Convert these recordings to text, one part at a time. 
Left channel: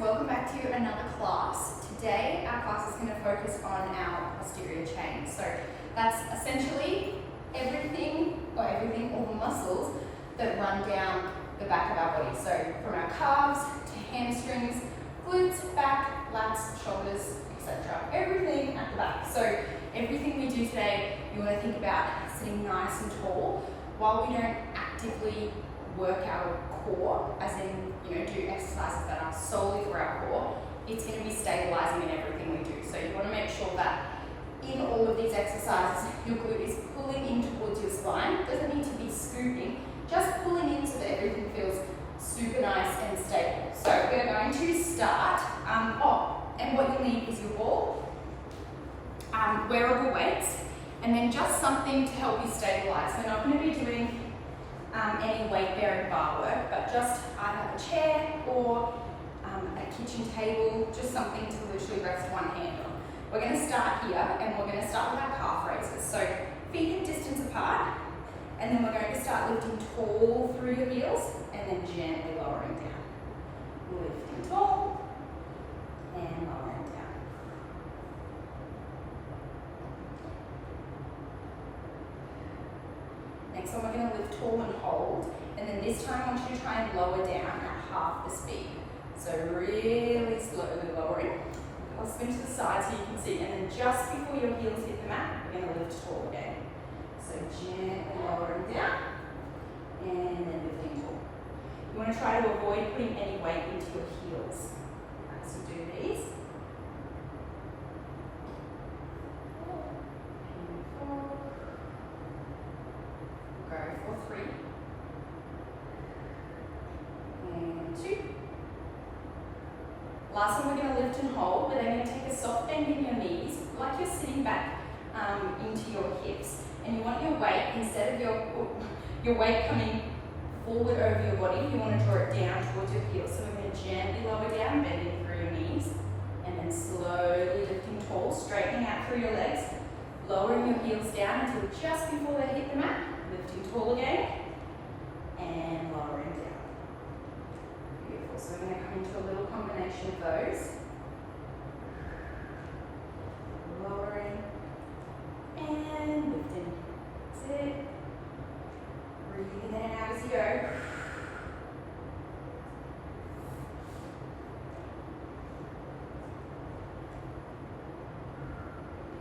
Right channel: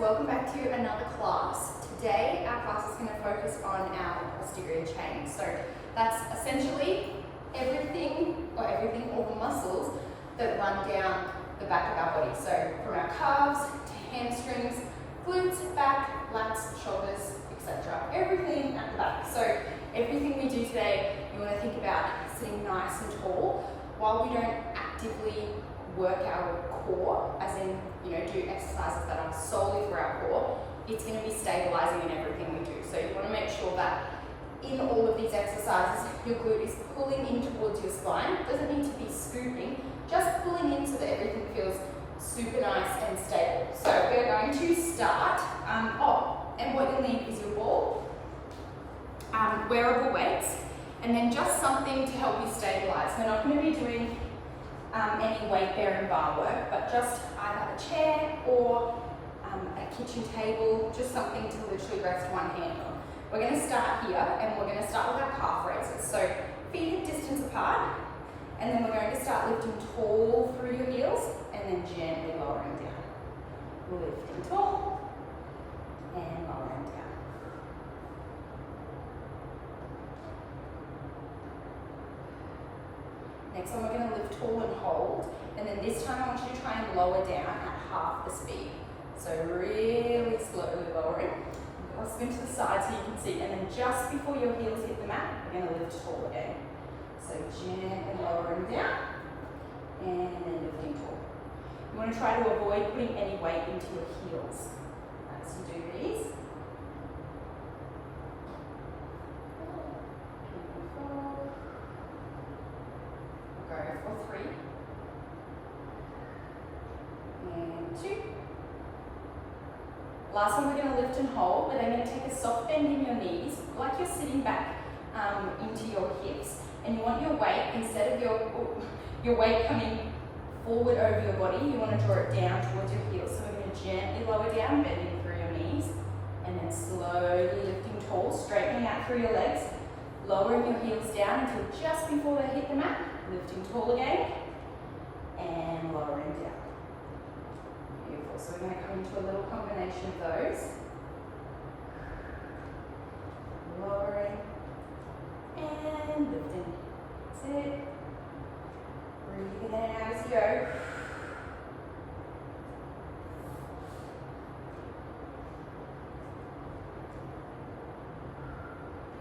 welcome back to another class. Today our class is going to focus on our posterior chain. So that's essentially all the muscles that run down the back of our body. So from our calves to hamstrings, glutes, back, lats, shoulders, etc. Everything at the back. So everything we do today, you want to think about sitting nice and tall while we don't actively work our core, as in, do exercises that are solely for our core. It's going to be stabilizing in everything we do. So you want to make sure that in all of these exercises, your glute is pulling in towards your spine. It doesn't need to be scooping, just pulling in so that everything feels super nice and stable. So we're going to start, and what you'll need is your ball, wearable weights, and then just something to help you stabilize. We're not going to be doing any weight-bearing bar work, but just either a chair or a kitchen table, just something to literally rest one hand on. We're going to start here, and we're going to start with our calf raises. So feet hip distance apart, and then we're going to start lifting tall through your heels, and then gently lowering down. Lifting tall, and lowering down. Next one, we're going to lift tall and hold, and then this time I want you to try and lower down at half the speed. So really slowly lowering. I'll spin to the side so you can see, and then just before your heels hit the mat, you're going to lift tall again. So gently lowering down, and then lifting tall. You want to try to avoid putting any weight into your heels. So do these. Go for 3 and 2. Last one, we're going to lift and hold. We're then going to take a soft bend in your knees, like you're sitting back into your hips, and you want your weight, instead of your weight coming forward over your body, you want to draw it down towards your heels. So we're going to gently lower down, bending through your knees, and then slowly lifting tall, straightening out through your legs, lowering your heels down until just before they hit the mat. Lifting tall again, and lowering down. Beautiful. So we're going to come into a little combination of those. Lowering, and lifting. That's it. Breathing in and out as you go.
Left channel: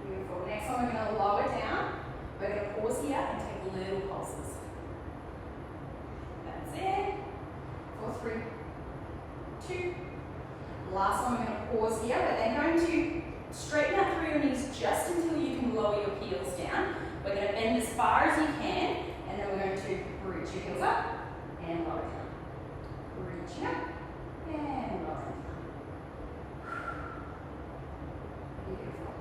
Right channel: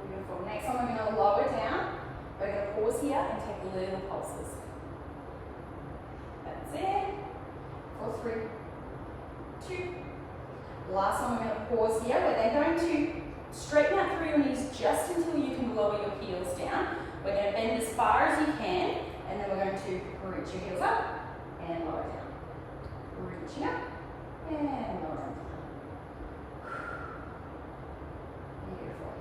Beautiful. Next one, we're going to lower down. We're going to pause here and take little pulses. That's it. For 3, 2. Last one, we're going to pause here. We're then going to straighten out through your knees just until you can lower your heels down. We're going to bend as far as you can, and then we're going to reach your heels up and lower down. Reaching up and lowering down. Beautiful.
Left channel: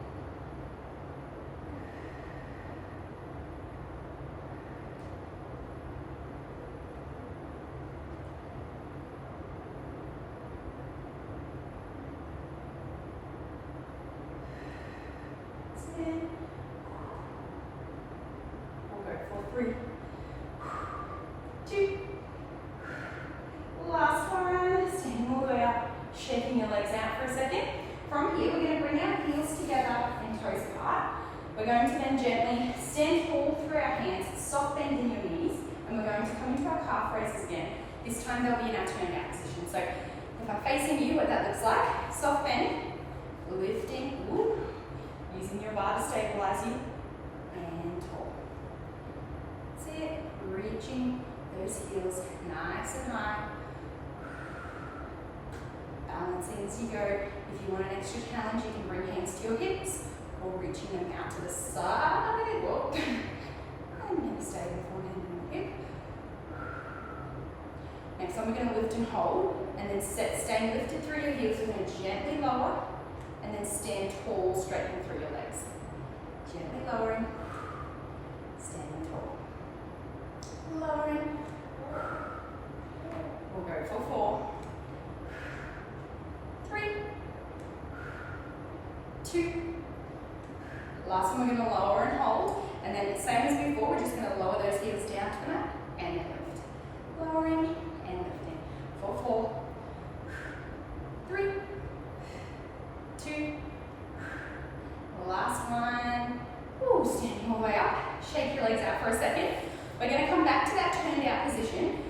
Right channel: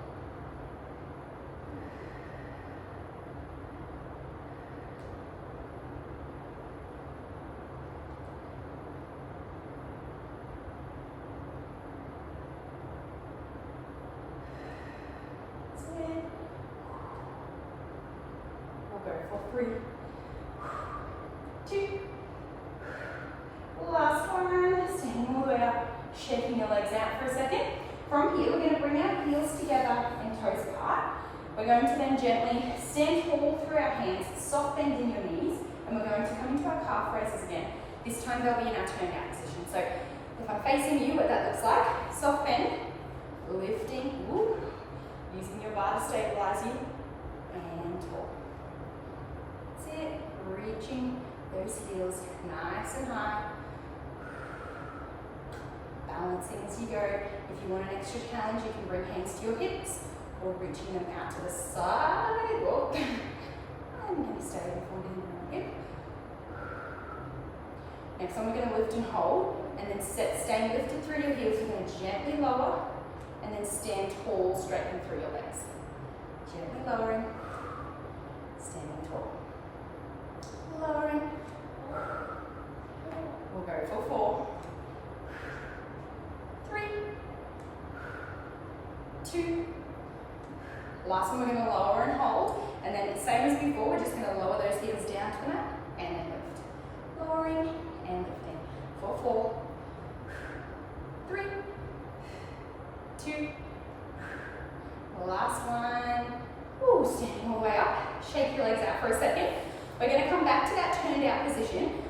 We'll go for 3, 2. Last one. Standing all the way up, shaking your legs out for a second. From here, we're going to bring our heels together and toes apart. We're going to then gently stand tall through our hands, soft bend in your knees, and we're going to come into our calf raises again. This time they'll be in our turned out position. So if I'm facing you, what that looks like, soft bend, lifting, using your bar to stabilize you, and tall. That's it. Reaching those heels nice and high. Balancing as you go. If you want an extra challenge, you can bring hands to your hips or reaching them out to the side. Whoa. I'm going to stay with one hand on the hip. Next one, we're going to lift and hold, and then staying lifted through your heels. We're going to gently lower, and then stand tall, straightening through your legs. Gently lowering, standing tall. Lowering. We'll go for 4, 3, 2. Last one, we're going to lower and hold, and then same as before, we're just going to lower those heels down to the mat, and then lift. Lowering and lifting. For 4, 3, back to that turned out position.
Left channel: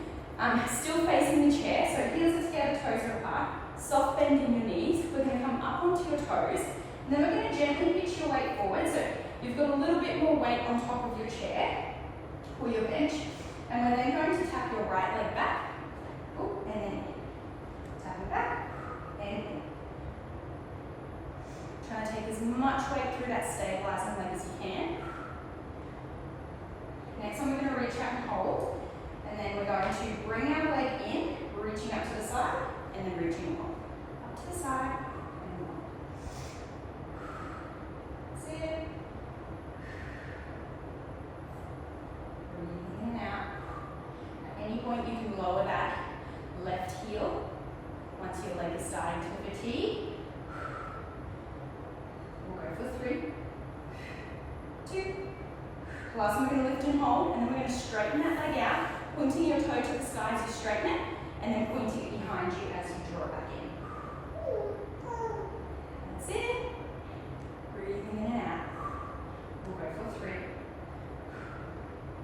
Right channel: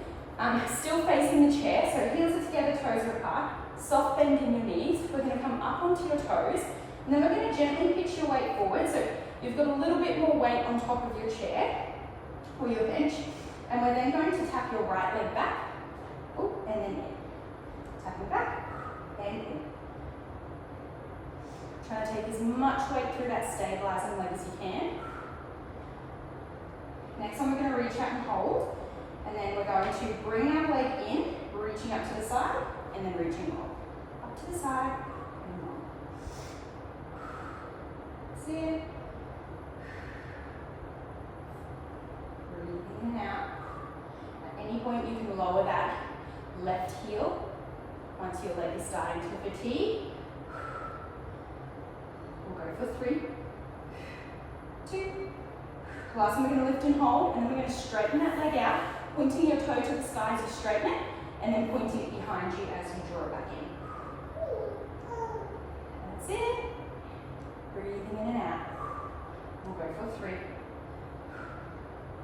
Still facing the chair, so heels are together, toes are apart. Soft bend in your knees. We're going to come up onto your toes. And then we're going to gently pitch your weight forward. So you've got a little bit more weight on top of your chair or your bench. And we're then going to tap your right leg back. Oh, and then in. Tap it back and in. Trying to take as much weight through that stabilizing leg as you can. Next one, we're going to reach out and hold. And then we're going to bring our leg in, reaching up to the side, and then reaching on. Up to the side, and on. That's it. Breathing in and out. At any point, you can lower that left heel once your leg is starting to fatigue. We'll go for 3, 2. Last one, we're going to lift and hold, and then we're going to straighten that leg out, pointing your toe to the sky as you straighten it, and then pointing it behind you as you draw it back in. That's it. Breathing in and out. We'll go for 3,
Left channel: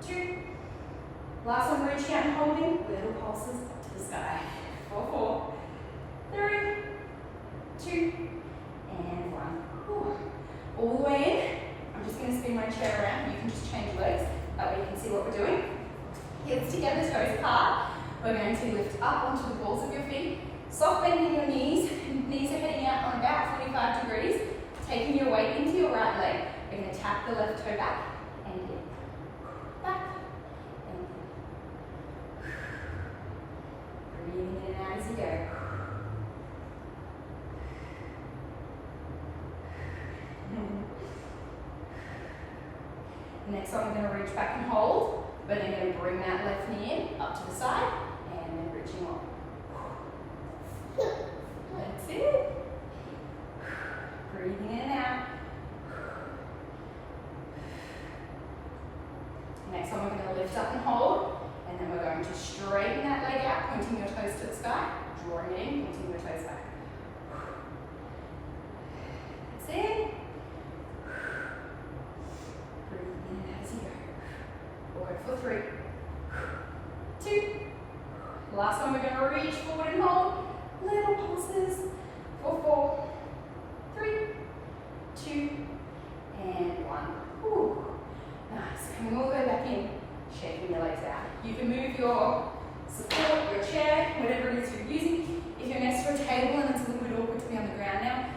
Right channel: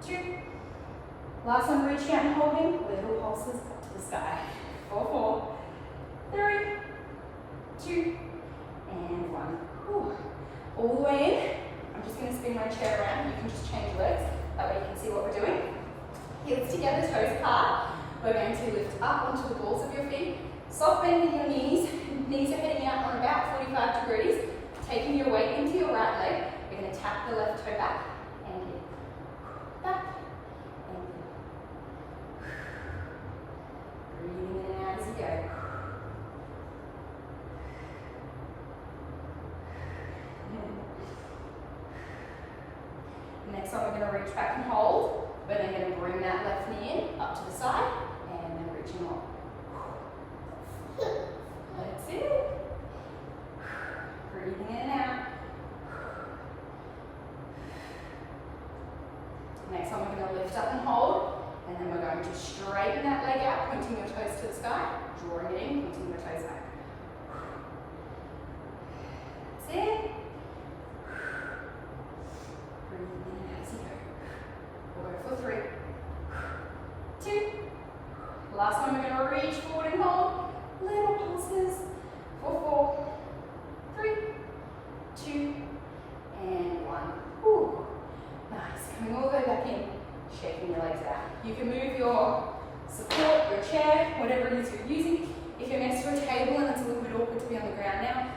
2. Last one, reach out and holding, little pulses up to the sky. 4, 3, 2, and 1. Ooh. All the way in. I'm just going to spin my chair around. You can just change your legs. That way you can see what we're doing. Heels together, toes apart. We're going to lift up onto the balls of your feet. Soft bending your knees. Knees are heading out on about 45 degrees. Taking your weight into your right leg. We're going to tap the left toe back and in. Back and in. Breathing in and out as you go. Next one, we're going to reach back and hold. We're then going to bring that left knee in, up to the side, and then reaching on. That's it. Breathing in and out. Next one, we're going to lift up and hold, and then we're going to straighten that leg out, pointing your toes to the sky, drawing it in, pointing your toes back. That's it. For 3, 2. Last one, we're going to reach forward and hold. Little pulses. For 4, 3, 2, and 1. Ooh. Nice. Coming all the way back in, shaking your legs out. You can move your support, your chair, whatever it is you're using. If you're next to a table and it's a little bit awkward to be on the ground now,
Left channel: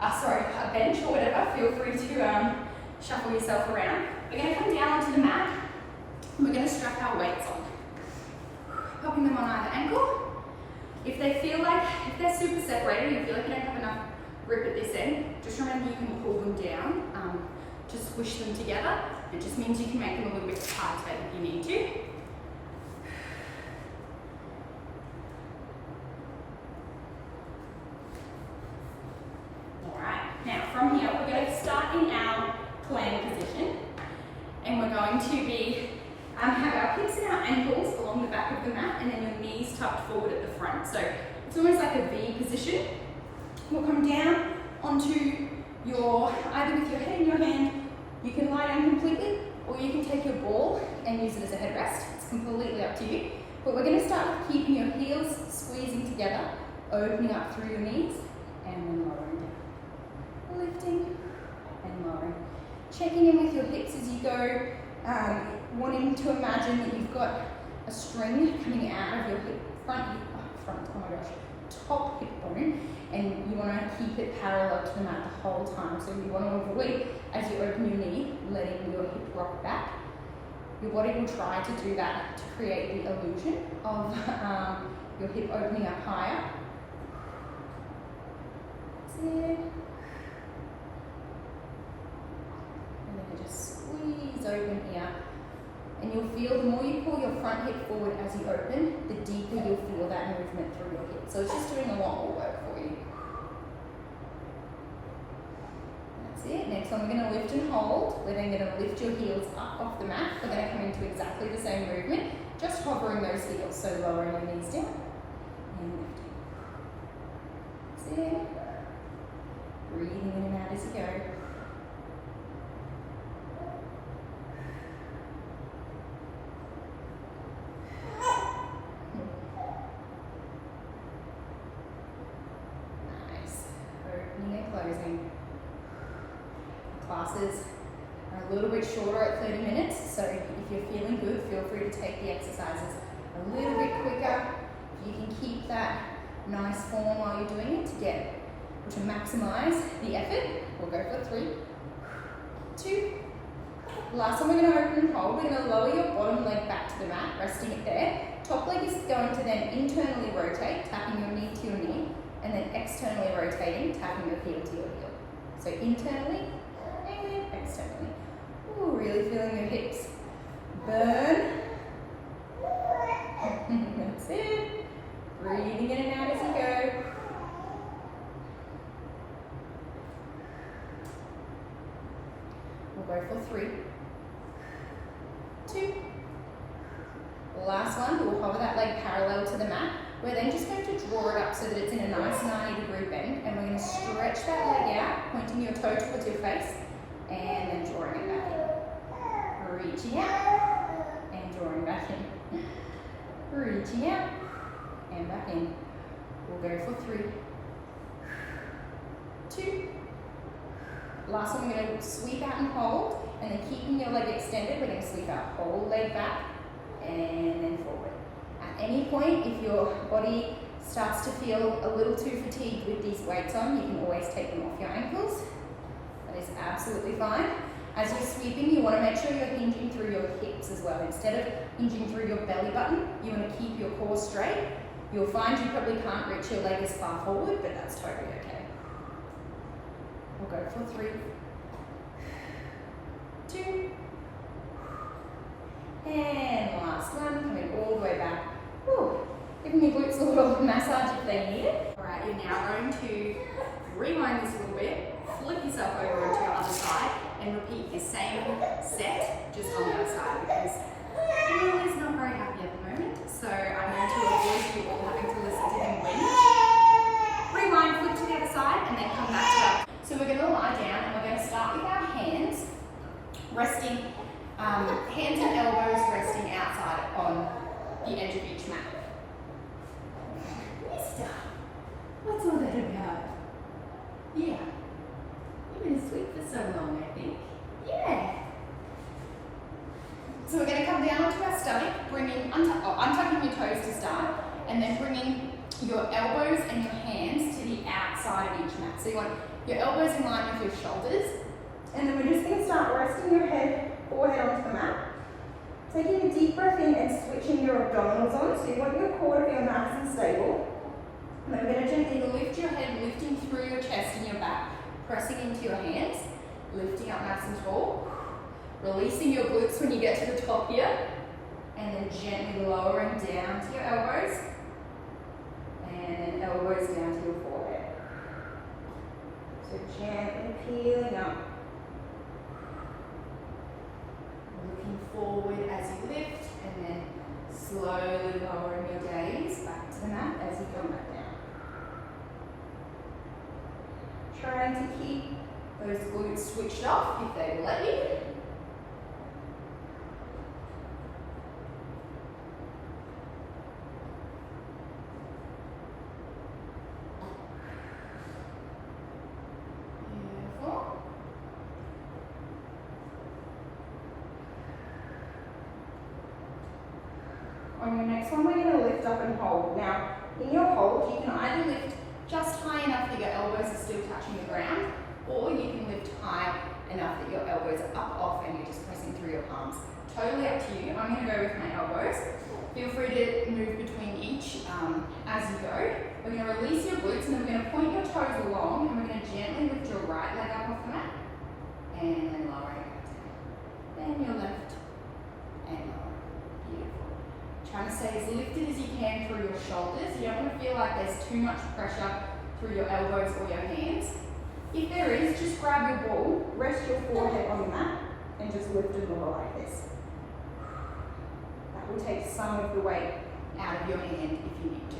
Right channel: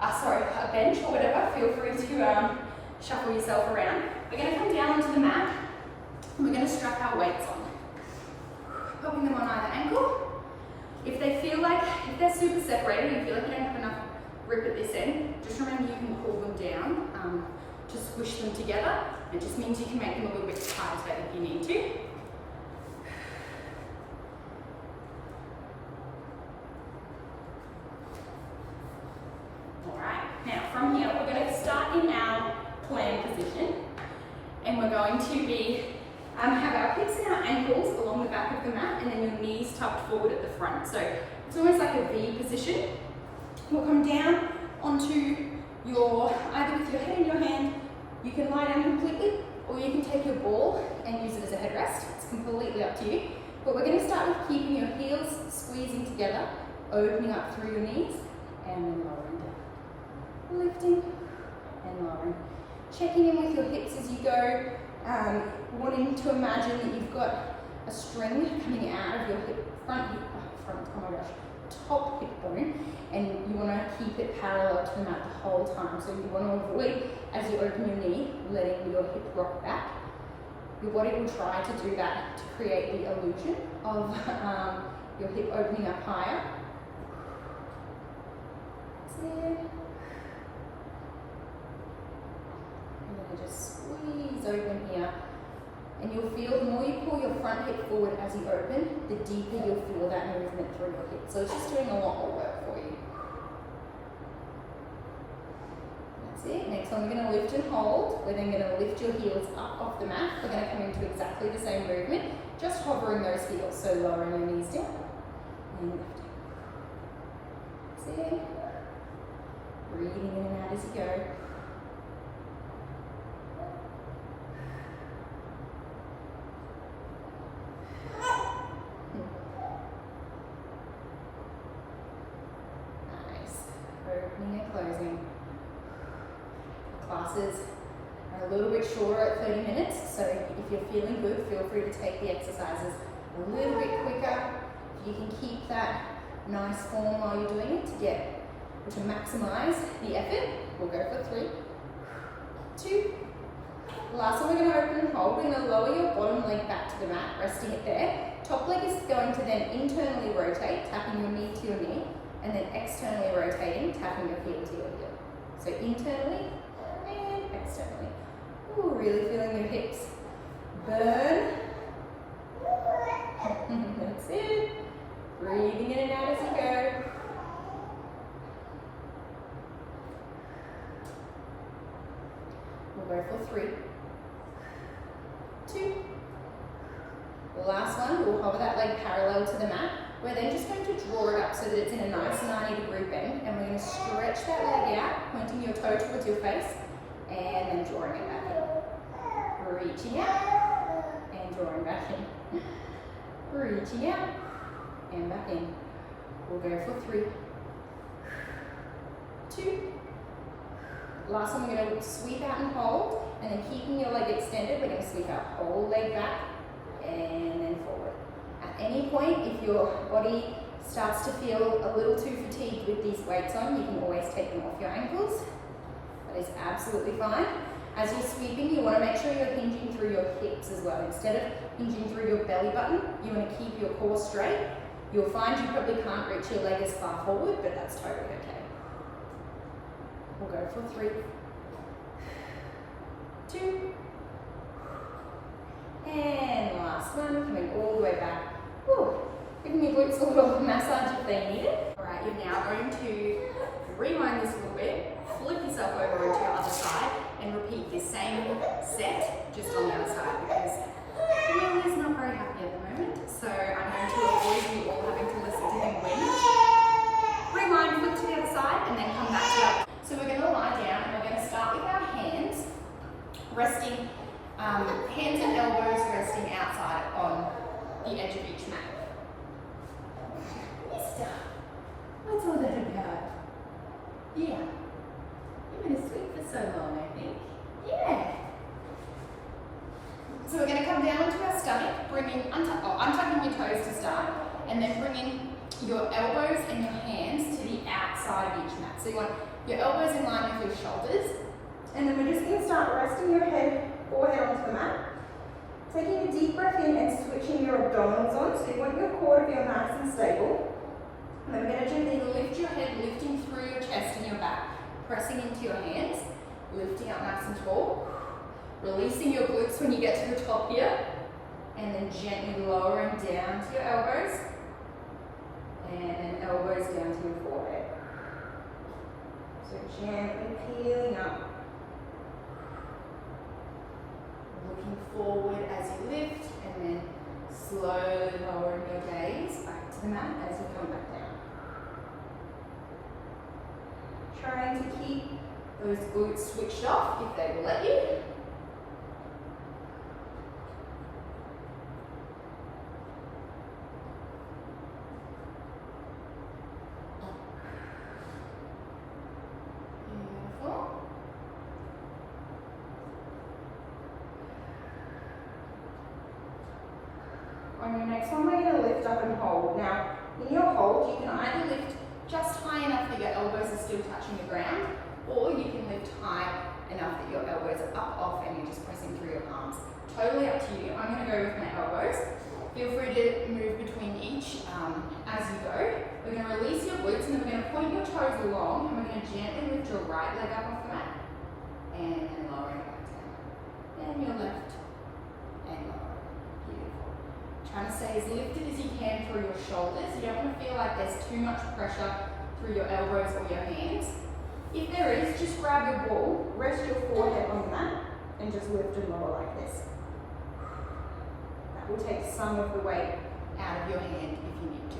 a bench or whatever, feel free to shuffle yourself around. We're going to come down onto the mat. We're going to strap our weights on, popping them on either ankle. If they're super separated, you feel like you don't have enough grip at this end, just remember you can pull them down to squish them together. It just means you can make them a little bit tighter if you need to. All right, now from here, we're going to start in our plank position, and we're going to be have our hips and our ankles along the back of the mat, and then your knees tucked forward at the front. So it's almost like a V position. We'll come down onto either with your head in your hand, you can lie down completely, or you can take your ball and use it as a headrest. It's completely up to you. But we're going to start with keeping your heels squeezing together, opening up through your knees, and then lowering down. Lifting and lowering. Checking in with your hips as you go. Wanting to imagine that you've got a string coming out of your top hip bone, and you want to keep it parallel to the mat the whole time. So you want to avoid, as you open your knee, letting your hip rock back. Your body will try to do that to create the illusion of your hip opening up higher. That's it. I'm going to just squeeze open here. And you'll feel, the more you pull your front hip forward as you open, the deeper you'll feel that movement through your hip. So it's just doing a lot more work for you. That's it. Next one, we're going to lift and hold. We're then going to lift your heels up off the mat. We're going to come into exactly the same movement, just hovering those heels. So lowering your knees down and lifting. That's it. Breathing in and out as you go. Opening and closing. The classes are a little bit shorter at 30 minutes, so if you're feeling good, feel free to take the exercises a little bit quicker. If you can keep that nice form while you're doing it to maximize the effort, we'll go for 3, 2. Last one, we're going to open and hold. We're going to lower your bottom leg back to the mat, resting it there. Top leg is going to then internally rotate, tapping your knee to your knee, and then externally rotating, tapping your heel to your heel. So internally and externally. Ooh, really feeling your hips burn. That's it. Breathing in and out as you go. We'll go for 3, 2. Last one, we'll hover that leg parallel to the mat. We're then just going to draw it up so that it's in a nice 90-degree bend, and we're going to stretch that leg out, pointing your toe towards your face, and then drawing it back in. Reaching out, and drawing back in. Reaching out, and back in. We'll go for 3, 2. Last one, we're going to sweep out and hold, and then keeping your leg extended, we're going to sweep our whole leg back, and then forward. At any point, if your body starts to feel a little too fatigued with these weights on, you can always take them off your ankles. That is absolutely fine. As you're sweeping, you want to make sure you're hinging through your hips as well. Instead of hinging through your belly button, you want to keep your core straight. You'll find you probably can't reach your leg as far forward, but that's totally okay. We'll go for 3, 2, and last one, coming all the way back. Whew. Giving your glutes a little massage if they need it. All right, you're now going to rewind this a little bit, flip yourself over onto your other side, and repeat this same set just on the other side, because Will is not very happy at the moment, so I'm going to avoid you all having to listen to him whinge. Rewind, flip to the other side, and then come back to our... So we're going to lie down, and we're going to start with our hands resting, hands and elbows resting outside on the edge of each mat. Mister, what's all that about? Yeah. You've been asleep for so long, I think. Yeah. So we're going to come down onto our stomach, untucking your toes to start, and then bringing your elbows and your hands to the outside of each mat. So you want your elbows in line with your shoulders, and then we're just going to start resting your forehead onto the mat. Taking a deep breath in and switching your abdominals on, so you want your core to feel nice and stable. And then we're going to gently lift your head, lifting through your chest and your back, pressing into your hands, lifting up nice and tall, releasing your glutes when you get to the top here, and then gently lowering down to your elbows, and then elbows down to your forehead. So gently peeling up. Looking forward as you lift, and then slowly lowering your gaze back to the mat as you come back down. Trying to keep those glutes switched off if they will let you. Beautiful. On your next one, we're going to lift up and hold. Now, in your hold, you can either lift just high enough that your elbows are still touching the ground, or you can lift high enough that your elbows are up off and you're just pressing through your palms. Totally up to you. I'm going to go with my elbows. Feel free to move between each as you go. We're going to release your glutes, and then we're going to point your toes along, and we're going to gently lift your right leg up off the mat, and then lower it back down. Then your left, and lower. Beautiful. Trying to stay as lifted as you can through your shoulders. You don't want to feel like there's too much pressure through your elbows or your hands. If there is, just grab your ball, rest your forehead on the mat, and just lift and lower like this. That will take some of the weight out of your hand if you need to.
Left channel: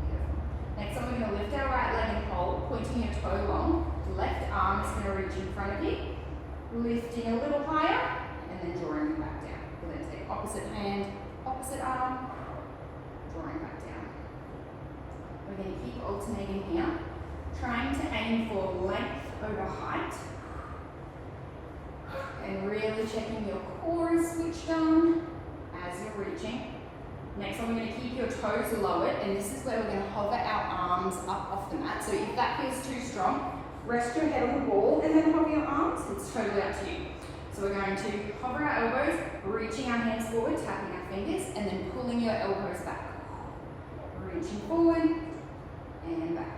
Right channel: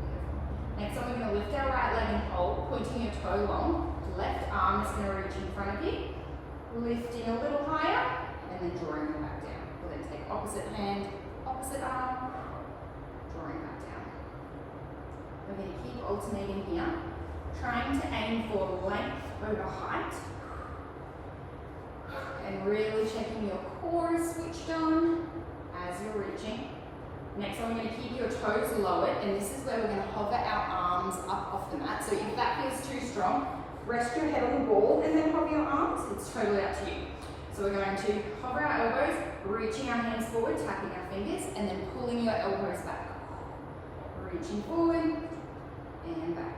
Beautiful. Next one, we're going to lift our right leg and hold, pointing your toe long. Left arm is going to reach in front of you, lifting a little higher, and then drawing it back down. We'll then take opposite hand, opposite arm, drawing back down. We're going to keep alternating here, trying to aim for length over height, and really checking your core is switched on as you're reaching. Next one, we're going to keep your toes lowered, and this is where we're going to hover our arms up off the mat. So if that feels too strong, rest your head on the ball and then hover your arms. It's totally up to you. So we're going to hover our elbows, reaching our hands forward, tapping our fingers, and then pulling your elbows back. Reaching forward and back.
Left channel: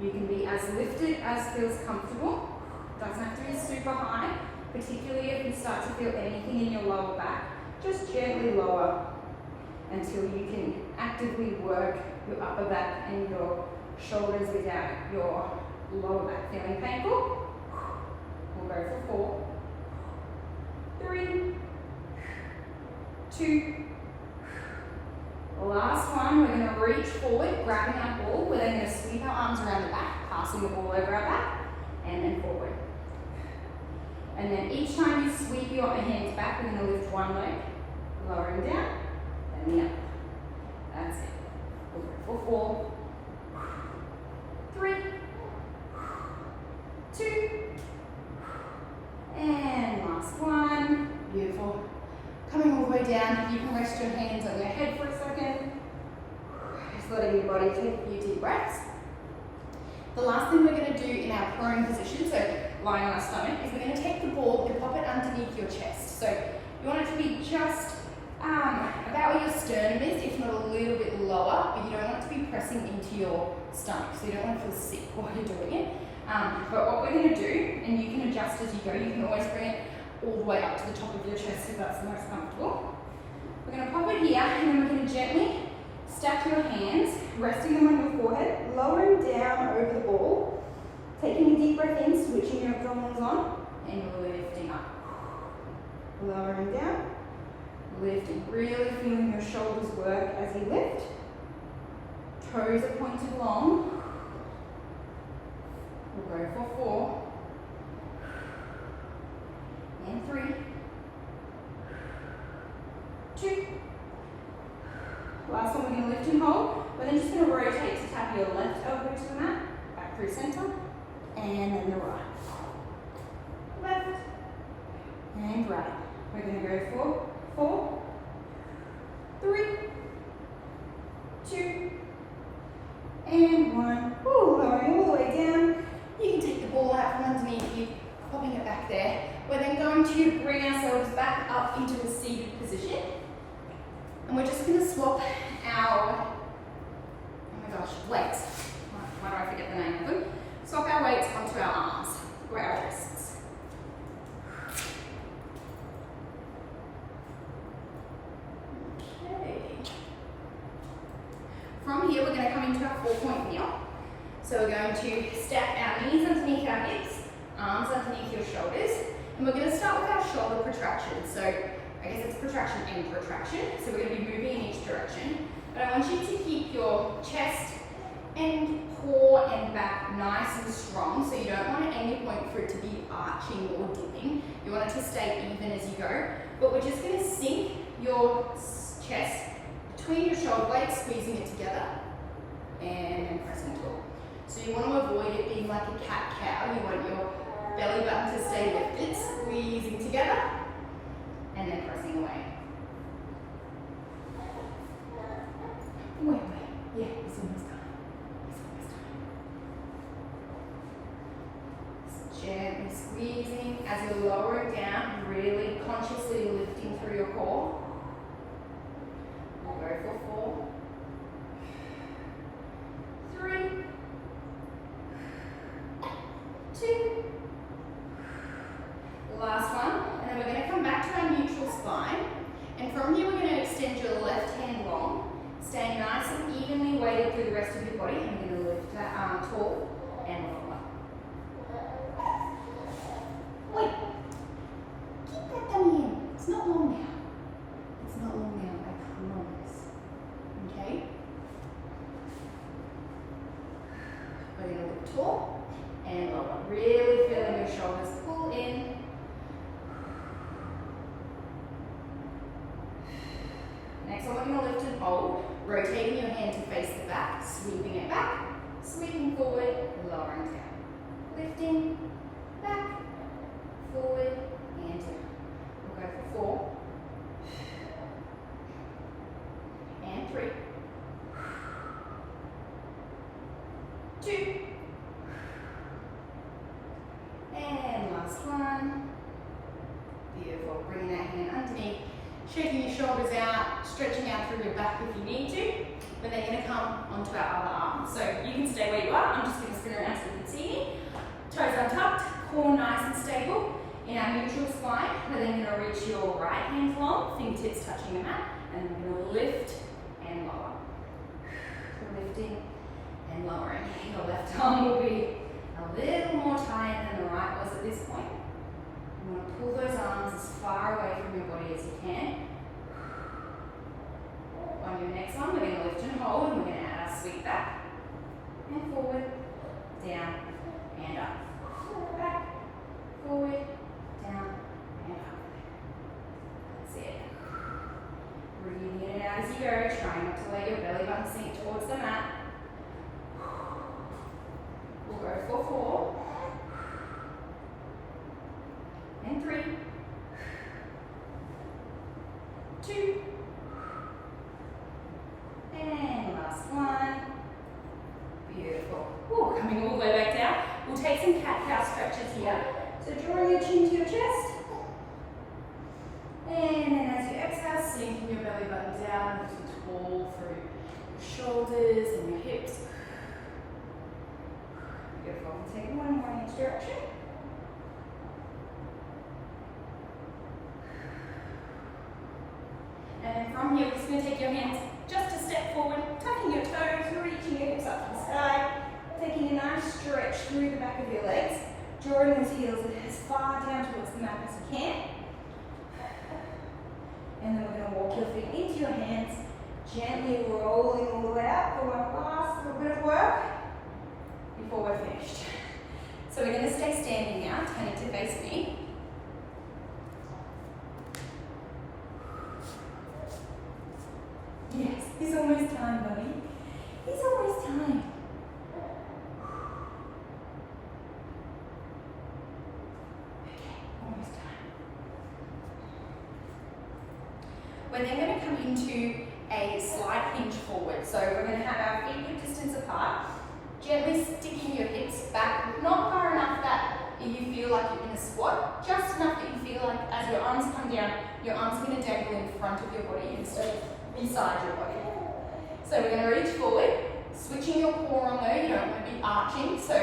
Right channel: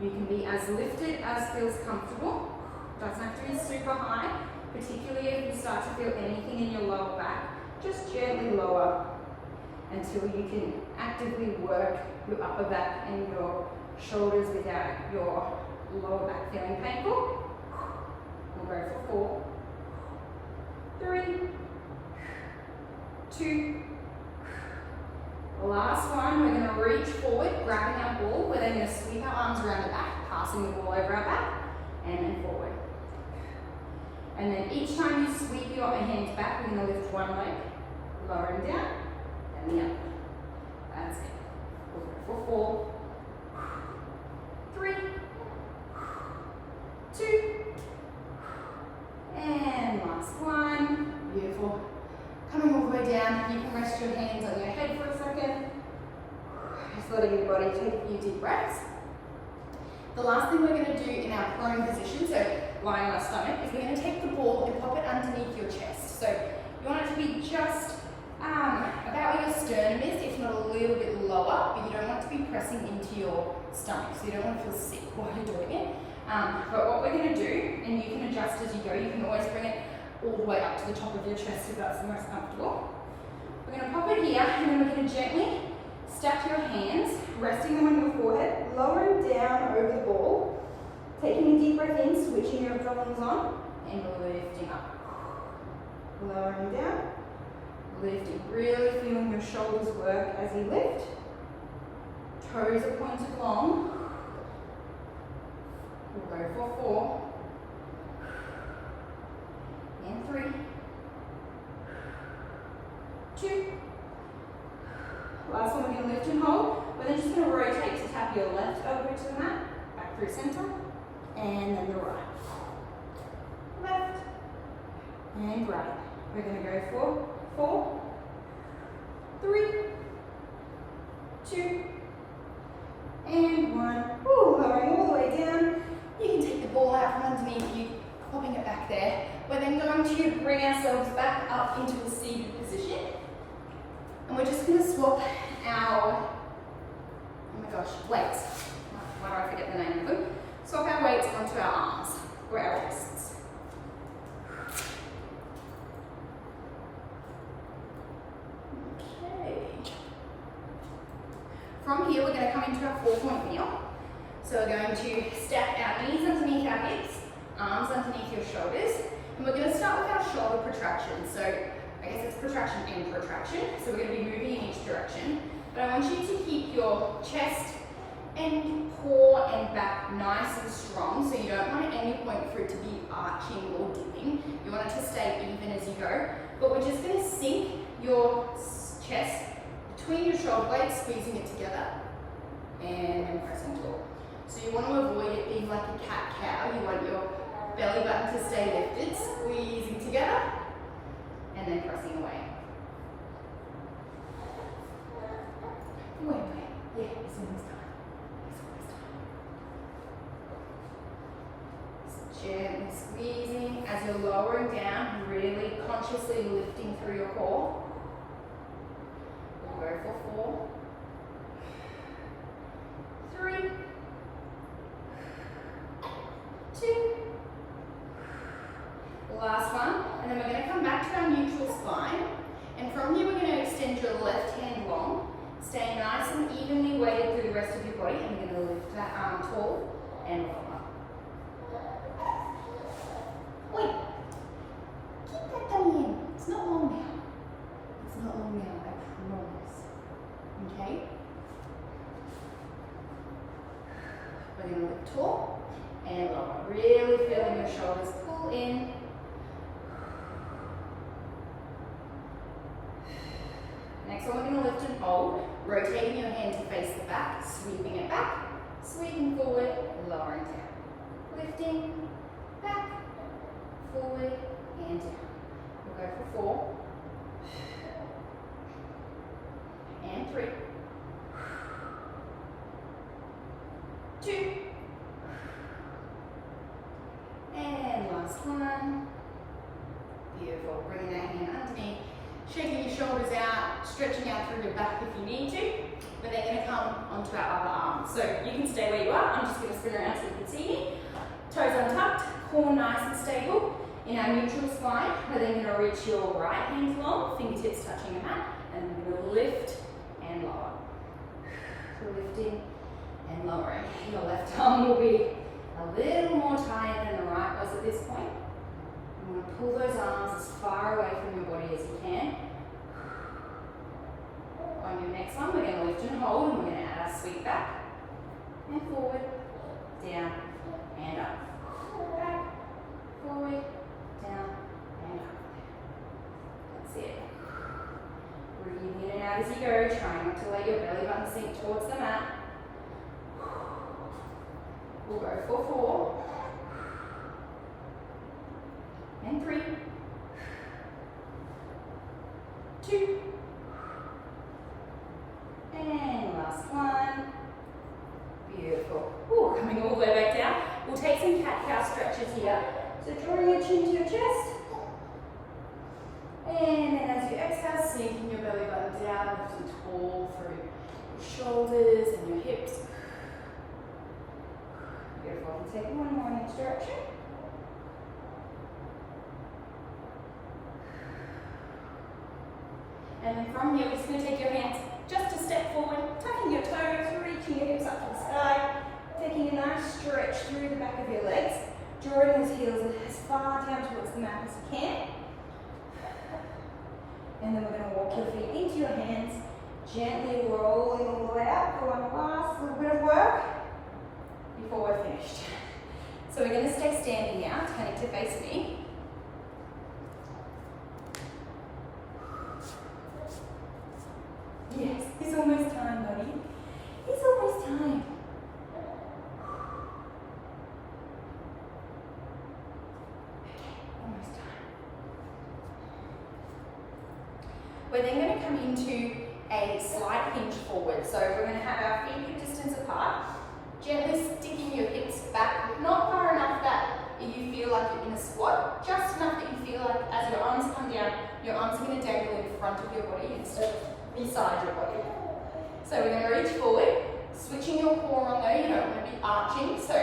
You can be as lifted as feels comfortable. Doesn't have to be super high, particularly if you start to feel anything in your lower back. Just gently lower until you can actively work your upper back and your shoulders without your lower back feeling painful. We'll go for 4, 3, 2. Last one, we're going to reach forward, grabbing our ball. We're then going to sweep our arms around the back, passing the ball over our back, and then forward. And then each time you sweep your hands back, we're going to lift one leg, lowering down, then the other. That's it. We'll go for 4, 3, 2, and last one. Beautiful. Coming all the way down, you can rest your hands on your head for a second. Just letting your body take a few deep breaths. The last thing we're going to do in our prone position, so lying on our stomach, is we're going to take the ball and pop it underneath your chest. So you want it to be just about where your sternum is, if not a little bit lower, but you don't want it to be pressing into your stomach, so you don't want to feel sick while you're doing it. But what we're going to do, and you can adjust as you go, you can always bring it all the way up to the top of your chest if that's the most comfortable. We're going to pop it here, and then we're going to gently stack your hands, resting them on your forehead, lowering down over the ball, taking a deep breath in, switching your abdominals on, and we're lifting up. Lowering down, lifting, really feeling your shoulders work as you lift. Toes are pointed long. We'll go for 4, and 3, 2. Last one, we're going to lift and hold. We're then just going to rotate to tap your left elbow to the mat, back through center, and then the right. Left, and right. We're going to go for 4, 3, 2, and 1. Woo, lowering all the way down. You can take the ball out from underneath you, popping it back there. We're then going to bring ourselves back up into a seated position. And we're just going to swap our, oh my gosh, weights. Why do I forget the name of them? Swap our weights onto our arms or our wrists. Okay. From here, we're going to come into our 4-point kneel. So we're going to stack our knees underneath our hips, arms underneath your shoulders, and we're going to start with our shoulder protraction. So I guess it's protraction and protraction. So we're going to be moving in each direction. But I want you to keep your chest and core and back nice and strong. So you don't want at any point for it to be arching or dipping. You want it to stay even as you go. But we're just going to sink your chest between your shoulder blades, squeezing it together, and then pressing tall. So you want to avoid it being like a cat-cow. You want your belly button to stay lifted, squeezing together, and then pressing away. Wait. Yeah, it's almost done. It's almost done. Gently squeezing as you're lowering down, really consciously lifting through your core. We'll go for 4, 3, 2. Last one, and then we're going to come back to our neutral spine, and from here we're going to extend your left hand long, staying nice and evenly weighted through the rest of your body, and we're going to lift that arm tall and lower. Wait, keep that dummy in. It's not long now. It's not long now, I promise. Okay? We're going to lift tall and lower, really feeling your shoulders pull in. Next next one we're going to lift and hold, rotating your hand to face the back, sweeping it back, sweeping forward, lowering down. Lifting, back, forward, and down. We'll go for 4. And 3. 2. And last one. Beautiful. Bringing that hand underneath, shaking your shoulders out, stretching out through your back if you need to. But they're going to come onto our other arm. So you can stay where you are. I'm just going to spin around so you can see me. Toes untucked, core nice and stable. In our neutral spine, we're then going to reach your right hand long, fingertips touching your mat, and then we're going to lift and lower. Lifting and lowering. Your left arm will be a little more tired than the right was at this point. I'm going to pull those arms as far away from your body as you can. On your next one, we're going to lift and hold, and we're going to add our sweep back and forward, down and up. Back, forward, down and up. That's it. Breathing in and out as you go, trying not to let your belly button sink towards the mat. We'll go for 4 and 3, 2, and last one. Beautiful. Ooh, coming all the way back down. We'll take some cat-cow stretches here. So drawing your chin to your chest. And then as you exhale, sinking your belly button down, lifting tall through your shoulders and your hips. Beautiful. We'll take one more in each direction. And then from here, we're just going to take your hands just a step forward, tucking your toes, reaching your hips up to the sky, taking a nice stretch through the back of your legs, drawing those heels as far down towards the mat as you can. And then we're going to walk your feet into your hands, gently rolling all the way out for one last little bit of work before we're finished. So we're going to stay standing now, turning to face me. Yes, it's almost time, buddy. It's almost time. Almost time. We're then going to come into a slight hinge forward. So we're going to have our feet a distance apart, gently sticking your hips back, not far enough that you feel like you're in a squat, just enough that you feel like as your arms come down, your arms are going to dangle in front of your body instead of inside your body. So we're going to reach forward, switching your core on though, you don't want to be arching, so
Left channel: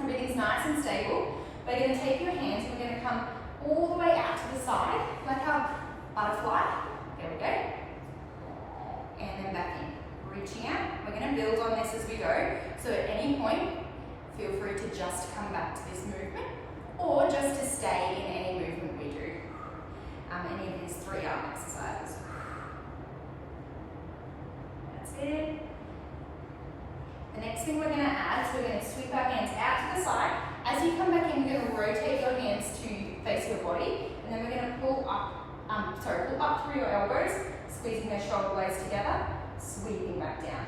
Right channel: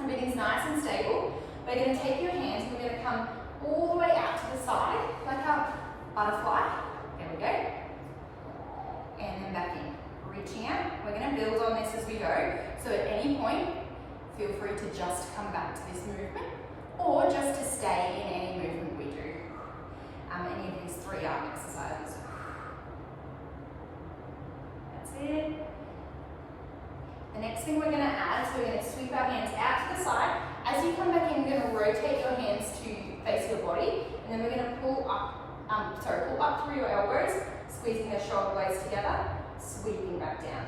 everything's nice and stable. We're going to take your hands, we're going to come all the way out to the side, like a butterfly. There we go. And then back in. Reaching out. We're going to build on this as we go, so at any point, feel free to just come back to this movement, or just to stay in any movement we do. Any of these 3 arm exercises. That's it. The next thing we're going to add is we're going to sweep our hands out to the side. As you come back in, we're going to rotate your hands to face your body, and then we're going to pull up through your elbows, squeezing those shoulder blades together, sweeping back down,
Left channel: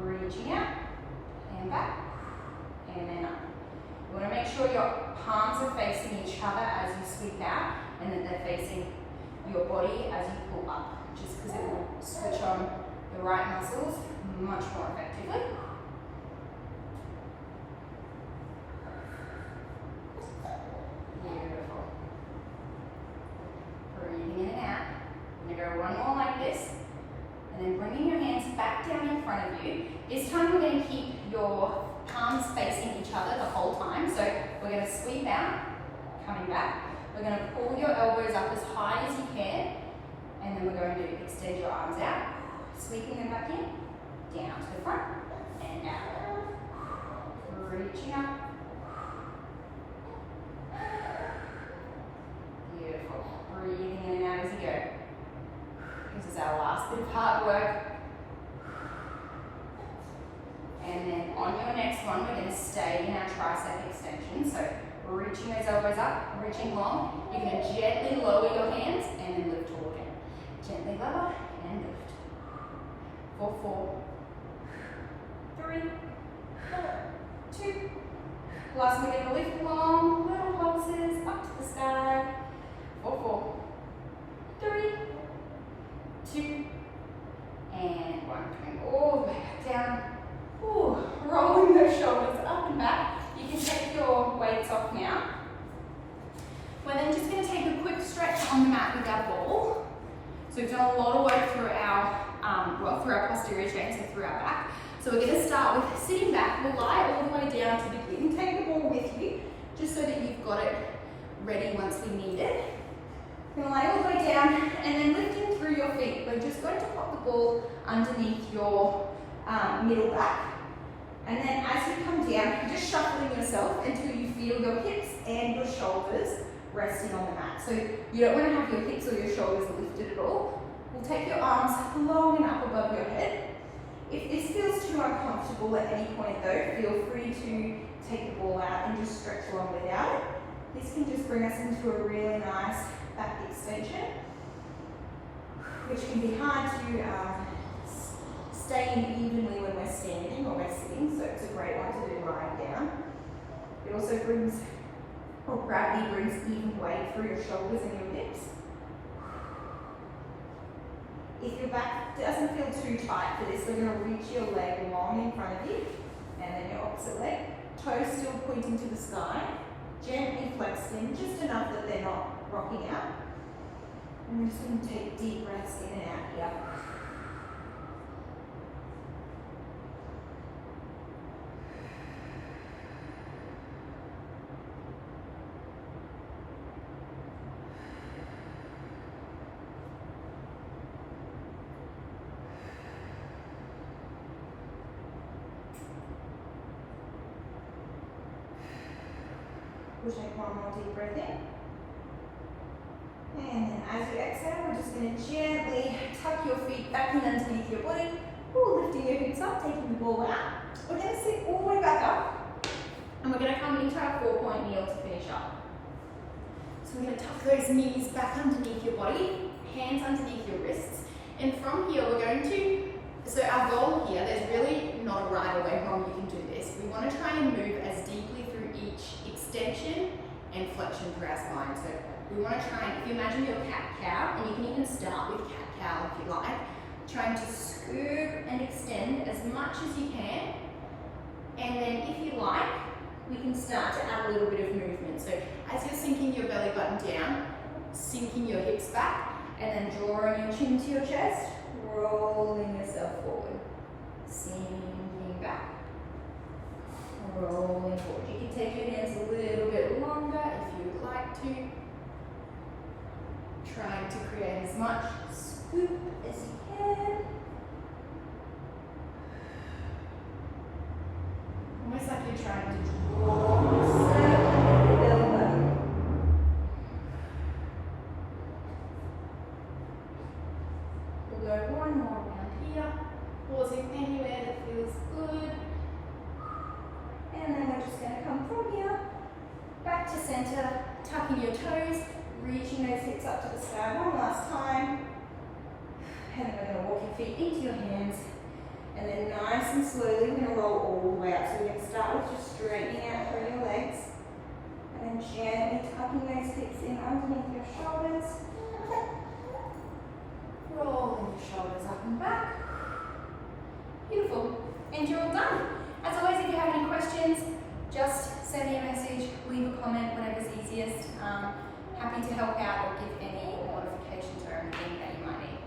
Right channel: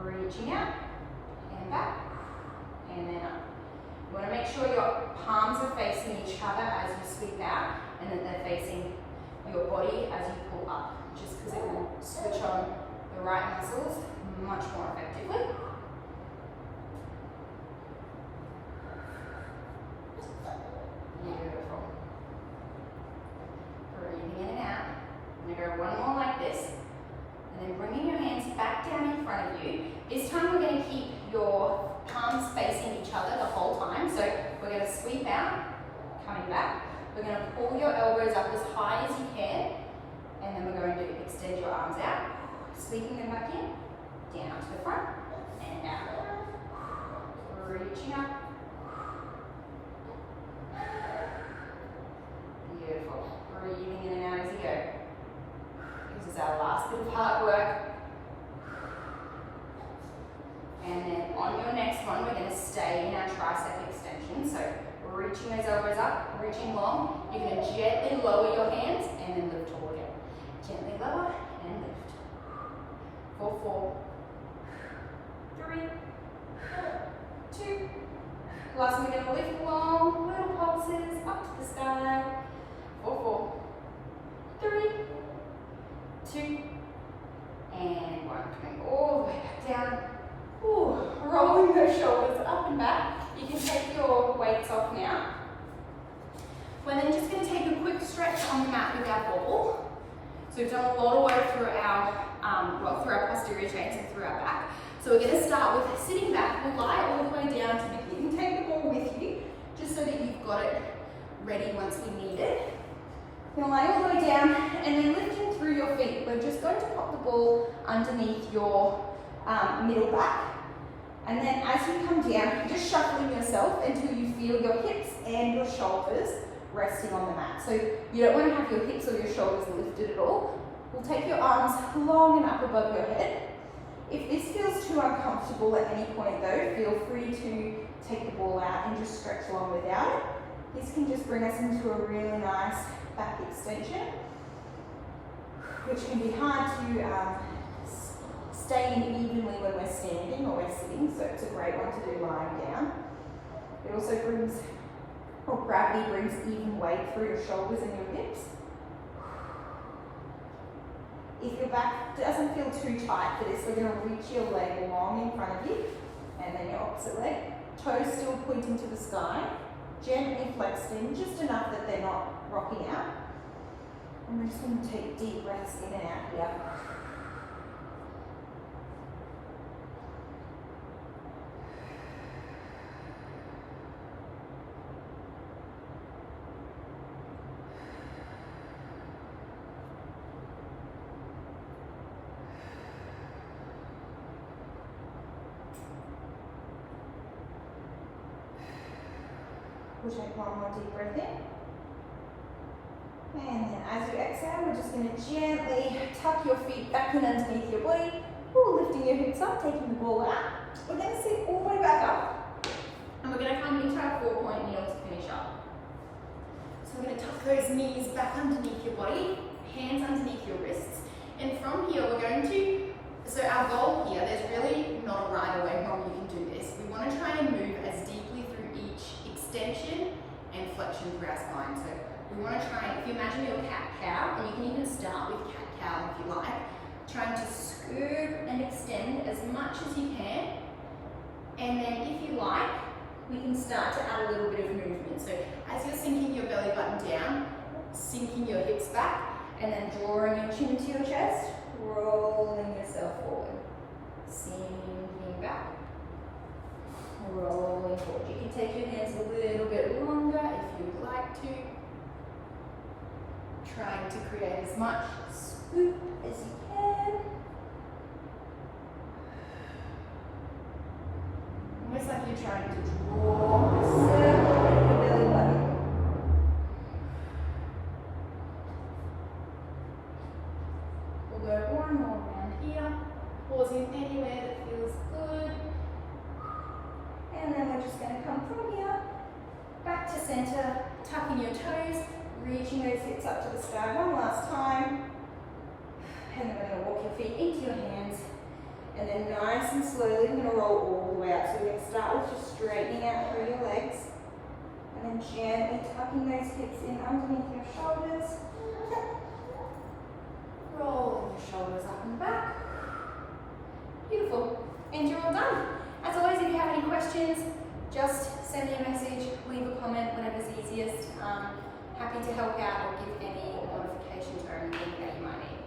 reaching out, and back, and then up. You want to make sure your palms are facing each other as you sweep out, and that they're facing your body as you pull up, just because it will switch on the right muscles much more effectively. Beautiful. Breathing in and out. I'm going to go one more like this, and then bringing your hands back down in front of you. This time we're going to keep your palms facing each other the whole time, so we're going to sweep out, coming back. We're going to pull your elbows up as high as you can, and then we're going to extend your arms out, sweeping them back in, down to the front, and out. Reaching up. Beautiful. Breathing in and out as you go. This is our last bit of hard work. And then on your next one, we're going to stay in our tricep extension. So reaching those elbows up, reaching long. You're going to gently lower your hands and then lift tall again. Gently lower and lift. 4, 4, 3, 4, 2. Last one, we're going to lift long, little pulses up to the sky. 4, 4, 3, 2, and 1. Coming all the way back down. Ooh, rolling those shoulders up and back. You can take your weights off now. We're then just going to take a quick stretch on the mat with our ball. So we've done a lot of work through our posterior chain, so through our back. So we're going to start with sitting back. We'll lie all the way down to begin. Take the ball with you, just so that you've got it ready once we need it. You're going to lay all the way down, and then lifting through your feet. We're just going to pop the ball underneath your middle back. And then as you come down, you're just shuffling yourself until you feel your hips and your shoulders resting on the mat. So you don't want to have your hips or your shoulders lifted at all. We'll take your arms long and up above your head. If this feels too uncomfortable at any point though, feel free to take the ball out and just stretch along without it. This can just bring us into a really nice back extension, which can be hard to stay in evenly when we're standing or we're sitting, so it's a great one to do lying down. It also brings, or gravity brings even weight through your shoulders and your hips. If your back doesn't feel too tight for this, we're going to reach your leg long in front of you, and then your opposite leg. Toes still pointing to the sky, gently flexed in, just enough that they're not rocking out. And we're just going to take deep breaths in and out here. We'll take one more deep breath in. And then as you exhale, we're just going to gently tuck your feet back in underneath your body. Ooh, lifting your hips up, taking the ball out. We're going to sit all the way back up. And we're going to come into our 4-point kneel to finish up. So we're going to tuck those knees back underneath your body, hands underneath your wrists. And from here, we're going to, so our goal here, there's really not a right or way wrong you can do this. We want to try and move as deeply through each extension and flexion through our spine. So we want to try and, if you imagine your cat-cow, and you can even start with cat-cow if you like, trying to scoop and extend as much as you can. And then if you like, we can start to add a little bit of movement. So as you're sinking your belly button down, sinking your hips back, and then drawing your chin to your chest, rolling yourself forward, sinking back, rolling forward. You can take your hands a little bit longer if you would like to. Trying to create as much scoop as you can. Almost like you're trying to draw a circle in your belly button. We'll go one more round here, pausing anywhere that feels good. And then we're just going to come from here, back to center, tucking your toes, reaching those hips up to the sky one last time. And then we're going to walk your feet into your hands. And then nice and slowly, we're going to roll all the way up. So we're going to start with just straightening out through your legs. And then gently tucking those hips in underneath your shoulders. Rolling your shoulders up and back. Beautiful. And you're all done. As always, if you have any questions, just send me a message, leave a comment, whatever's easiest. Happy to help out or give any modifications or anything that you might need.